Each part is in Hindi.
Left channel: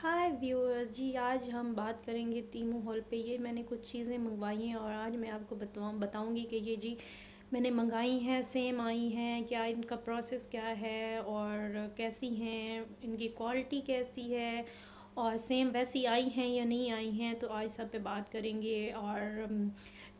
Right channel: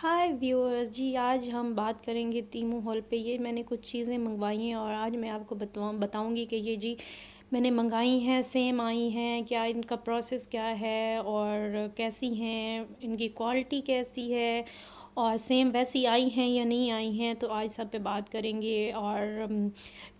हाय व्यूअर्स जी, आज हम बात करेंगे तीमू हॉल पे। ये मैंने कुछ चीज़ें मंगवाई हैं और आज मैं आपको बताऊंगी कि ये जी मैंने मंगाई हैं, सेम आई हैं क्या, इनका प्रोसेस क्या है और कैसी हैं, इनकी क्वालिटी कैसी है और सेम वैसी आई हैं या नहीं आई हैं। तो आज सब पे बात करेंगे। और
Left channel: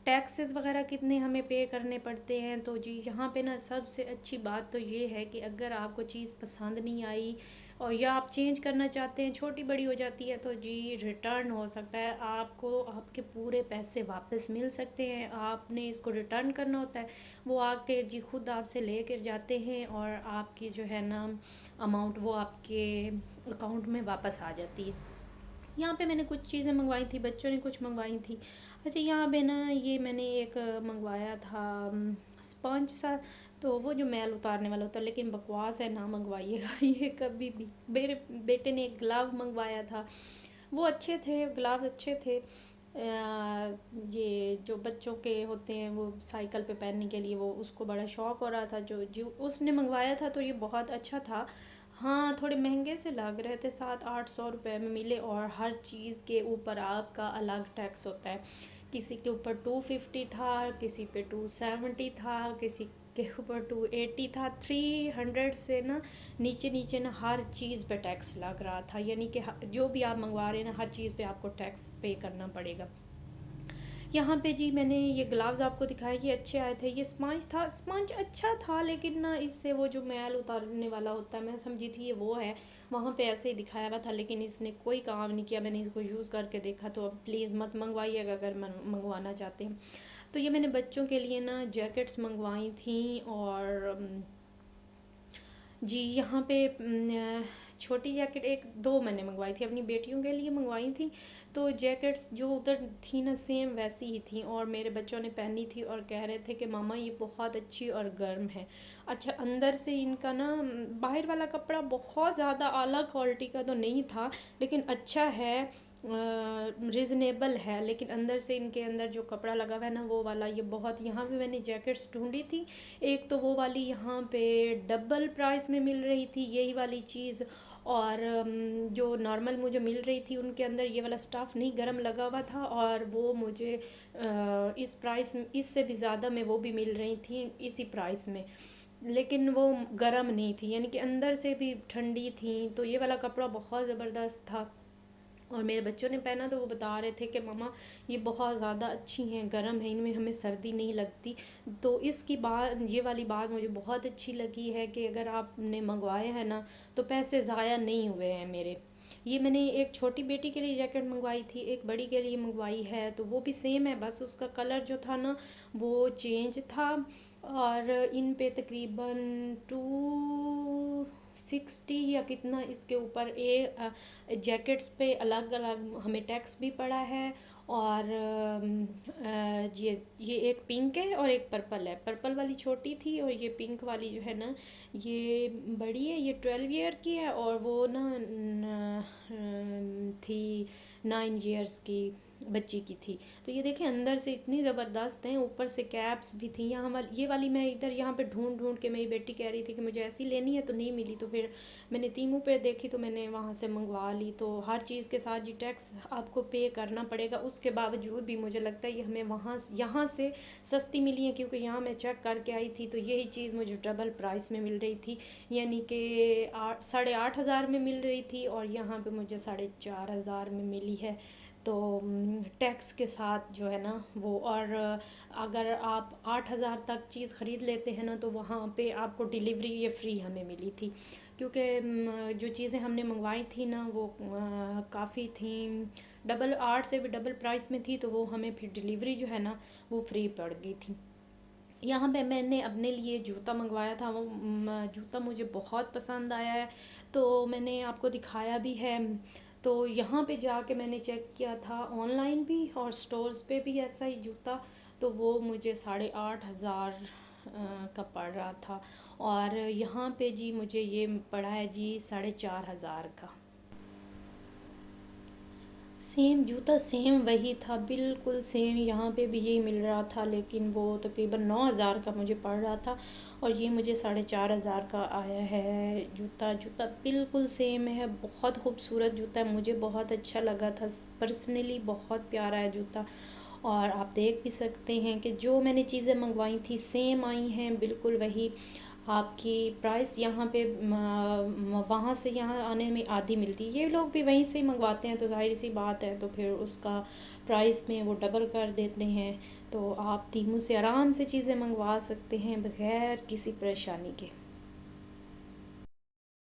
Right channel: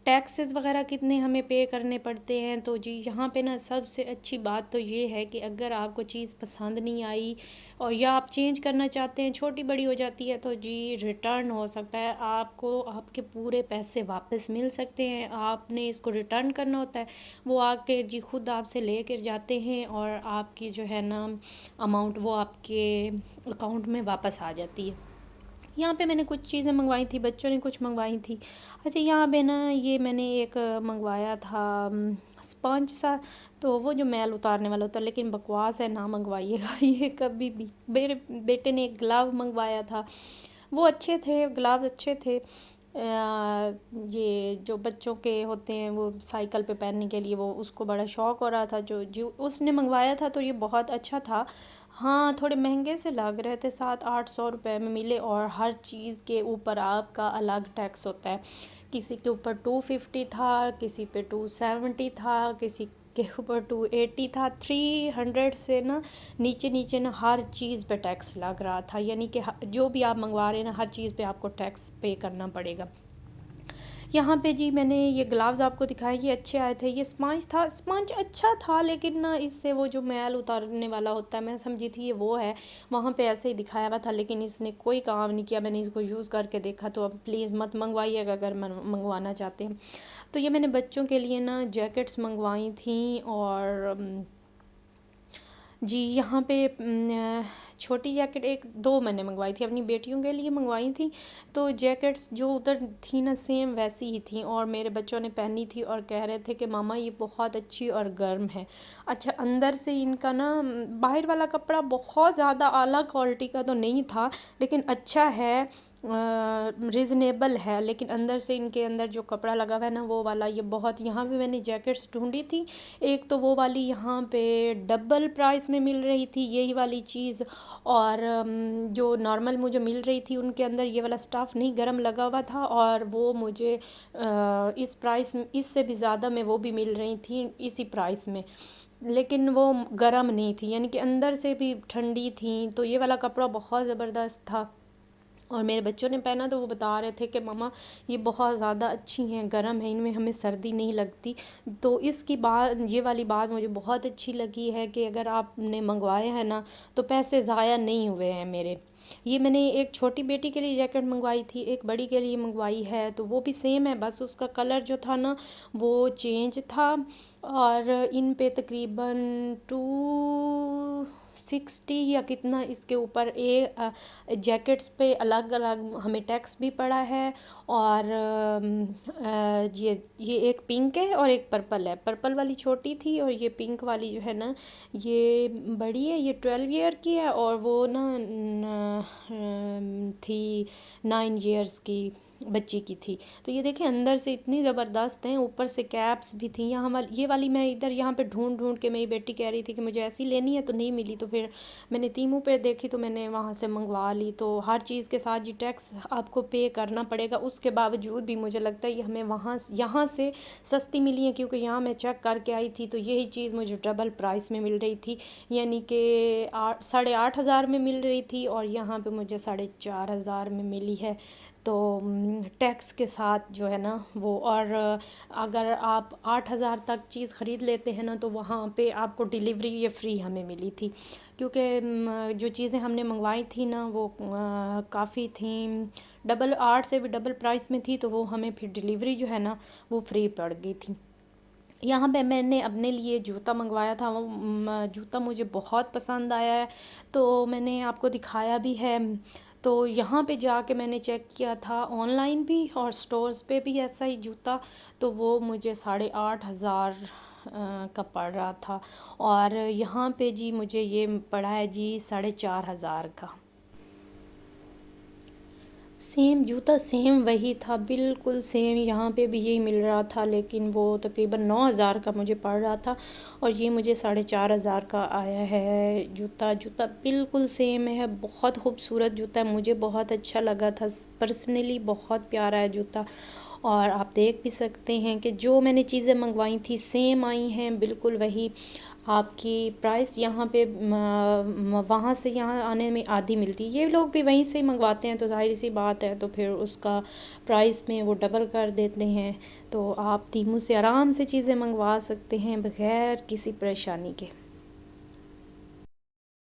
टैक्सेस वगैरह कितने हमें पे करने पड़ते हैं। तो जी यहाँ पे ना सबसे अच्छी बात तो ये है कि अगर आपको चीज़ पसंद नहीं आई और या आप चेंज करना चाहते हैं, छोटी बड़ी हो जाती है, तो जी रिटर्न हो सकता है। आपको आपके पूरे पैसे वापस मिल सकते हैं। आपने इसको रिटर्न करना होता है, वो आके जी खुद आपसे ले कर जाते हैं और आपकी जो है ना अमाउंट वो आपके अकाउंट में वापस आ जाती है। यहाँ पे मैंने कुछ चीज़ें मंगवाई थी, बच्चों ने कुछ मंगवाई थी। अच्छा, यहाँ पे ना ये मैंने एक मंगवाया था स्पंज सा। तो वो जो मैल उतारने वाला होता है, लेकिन बकवास है, ना मंगवाइएगा ये कभी भी। मेरे बेटे ने एक ग्लव मंगवाया था, वो अच्छे थे, ग्लव्स अच्छे थे। ये जो बच्चों के होते हैं वो साइकिल पे पहनने के लिए, वो उसको बड़ा शौक़ हो रहा था। जो जो उसने मंगवाया था तो ये बहुत अच्छा था। हाँ, थोड़े महंगे से लग रहे थे, 700-800 रुपए में मिले और हर चीज़ के ऊपर आपका अलग टैक्स होता है। किसी के ऊपर 250 था, किसी पे 270 था, किसी के ऊपर 280 था। 300 से ना नीचे नीचे ना हर चीज़ पे टैक्स लग रहा था। यानी कि जो भी आप मंगवा रहे हैं ना, हर चीज़ पे आपको टैक्स पे करना पड़ेगा। यहाँ पे जी मैंने ये ग्लव्स आपको दिखाए, ये अच्छे आए थे। ये स्पंज था, स्पंज अच्छा था, लेकिन ना इससे वो जो मैल उतारने वाला होता है, मैं समझी थी ये वो है। वहाँ पे ऐसे ही दिखाया हुआ था, लेकिन इसने कोई काम नहीं किया। मैंने इसको यूज़ करके देखा। तो अब प्लीज़ मत मंगवाइएगा अगर मंगवाना चाहते हैं। तो ये मैंने बच्चों के लिए ना जैकेट्स मंगवाई थी। और जी यहाँ पे छोटी जैकेट एक दो मैंने मंगवाई थी, अपनी बेटियों के लिए मंगवाई थी। तो जैकेट्स जो उधर थी ना सेम वैसी ही थी और मेरे बच्चों ने पहनी थी और कह रहे थे कि मामा ये बहुत अच्छी और गर्म है। अच्छा, अंदर से इनका ना बाहर वाला कपड़ा बहुत ज़्यादा अलग क्वालिटी का तो नहीं था, लेकिन अच्छा है, रिजनेबल है। लेकिन अंदर से इनके अंदर जो कपड़ा लगा हुआ है ना वो वाला, ये बहुत, यहाँ भी मैंने जैकेट्स ढूंढी थी। एक तो वो वाली यहाँ पे डबल प्राइस में मिल रही थी यही वाली चीज़, और जो नॉर्मल मुझे मिल रही थी उनके अंदर ये वाला स्टफ़ नहीं गर्म लगा हुआ था। और वो मुझे इस प्राइस इससे भी ज़्यादा में वो भी मिल रही थी इसी प्राइस में, लेकिन वो गर्म नहीं थी, यानी कि अंदर से भी ठंडी थी। तो ये वाला कपड़ा बहुत ज़बरदस्त था और मेरे बच्चों ने पहना तो वो बता रहे थे कि मामा ये बहुत ज़्यादा अच्छी हैं, गर्म है, इनमें हमें सर्दी नहीं लगती। तो इसकी बात, ये वाली बात मुझे बहुत अच्छी लगी है कि अगर आपने मंगवाए हैं ना तो पैसे ज़ाया नहीं हुए हैं मेरे। ये मैंने एक छोटी बेटी के लिए जैकेट मंगवाई थी, एक बड़ी के लिए मंगवाई है। तो वो भी सेम है, बस उसका कलर जो था ना वो चेंज था। और इन पे तकरीबन 260 या कितना इसके ऊपर जैकेट्स पे अलग अलग हमें टैक्स भी पड़ा है। और ये एक पिंक है और एक पर्पल है। पर्पल वाली छोटी थी और ये पिंक वाली जो है ना ये बड़ी है, ये 12 ईयर की है। और वो ना थी 9 ईयर्स की बच्ची की थी। तो ये देखें अंदर से इतनी ज़बरदस्त हैं, ऊपर से कैप्स भी थी। यहाँ वाली, ये वाली मैं इधर यहाँ पे ढूंढ ढूंढ के, मेरी बेटी कह रही थी कि मुझे ऐसी लेनी है तो नहीं मिली। तो फिर मैंने तीमू पे देखी तो मैंने वहाँ से मंगवा ली। तो हर चीज़ के साथ जी टैक्स आपको पे करना पड़ेगा। उसके बावजूद भी मुझे लगता है ये हमें वहाँ यहाँ से सस्ती मिली है, क्योंकि यहाँ मैं चेक करके आई थी तो यही चीज़ मुझे डबल प्राइस में मिल रही थी। यानी कि 8,500 में मिल रही थी और यहाँ पे मुझे 4,500 में मिली है। तो टैक्स के साथ जो है ना वो। और अगर आप 8,000 तक चीज़ ख़रीद लेते हैं ना तो वहाँ पे आपको डिलीवरी ये फ्री हमें मिली थी, क्योंकि जो चीज़ें हमने मंगवाई थी ना वो काफ़ी थी, डबल 8 से भी डबल प्राइस में थी। तो वो हमें फिर डिलीवरी जो है ना वो फ्री पड़ गई थी। यहाँ पे मैंने अपने लिए जूता मंगवाया था, वो जूता मुझे बहुत पसंद आया है, तो मैंने आपको दिखाया भी है। तो यहाँ पे जाके मैंने चेक किया था ऑनलाइन भी और स्टोर्स पे भी ऐसा ही जूता। तो वो मुझे 8,500 का पड़ रहा था। और यहाँ पे जी मुझे ये पड़ा है जी 4,500 का। सेम जूता, सेम वही था, बिल्कुल सेम। यहाँ पे भी यही मिल रहा था, लेकिन वो तकरीबन 9,000 का मुझे पड़ रहा था। और ये मुझे 4,500 का आया है जूता। जूता बिल्कुल सेम है, बहुत खूबसूरत जूता है, मुझे बहुत अच्छा लगा था पर्सनली, बहुत प्यारा है जूता। और आप देख भी सकते हैं कि जो मैंने चीज़ें मंगवाई थी सेम आई हैं, बिल्कुल वही। आपकी प्राइस यहाँ पे वहाँ से यहाँ आने में आधी मिलती है, ये लोग भी वहीं से ही मंगवाते हैं तो जाहिर सी बात है, तो फिर उसका प्राइस में वो डबल कर देते हैं। तो आप तीमू से आराम से चीज़ें मंगवा सकते हैं बग़ैर किसी परेशानी के।